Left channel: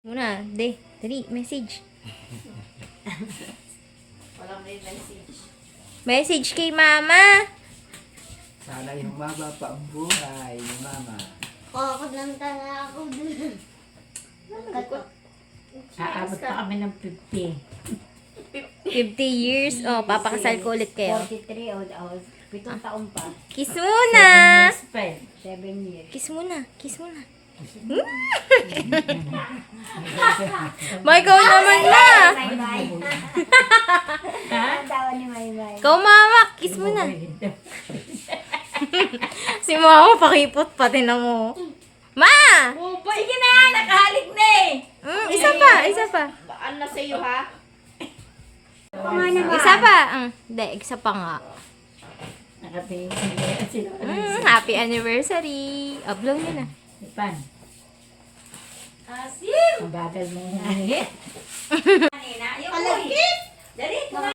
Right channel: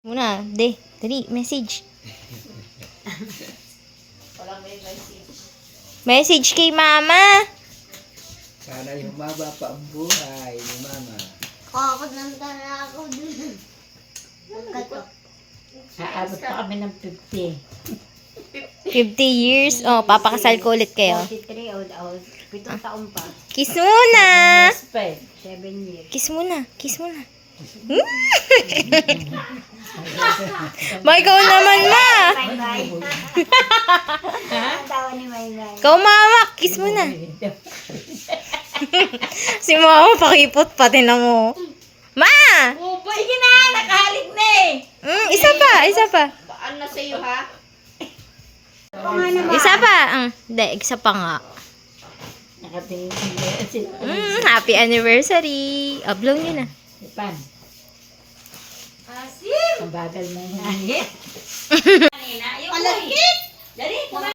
Muna, dali, message. Walang may message. Message kay mama. Sana yung humaba pa ang buhay ni Mama. Kakapunta na ako dun. Aabot pa kami ng 50. 50 years. Oh, papakasal ko ulit kayo. 43 old out. 7 taon pa. Kiss muna. Yes, pa eh. 7 years. Kiss muna. Kiss muna. Ba, ikaw naman na. Bye-bye. Ang tawa ni Bye-bye. Ikaw mama, kiss muna. Si mama pakipot pati na mo. Ma! Upo, sige na! Nakahalik na eh! Isa pa. Ano sa iyo ha? Isa pa. Hindi, isa pa nga. Nakatingin sila. Happy anniversary. Upload nyo na. Pan. Asim! Ang bagal na yan.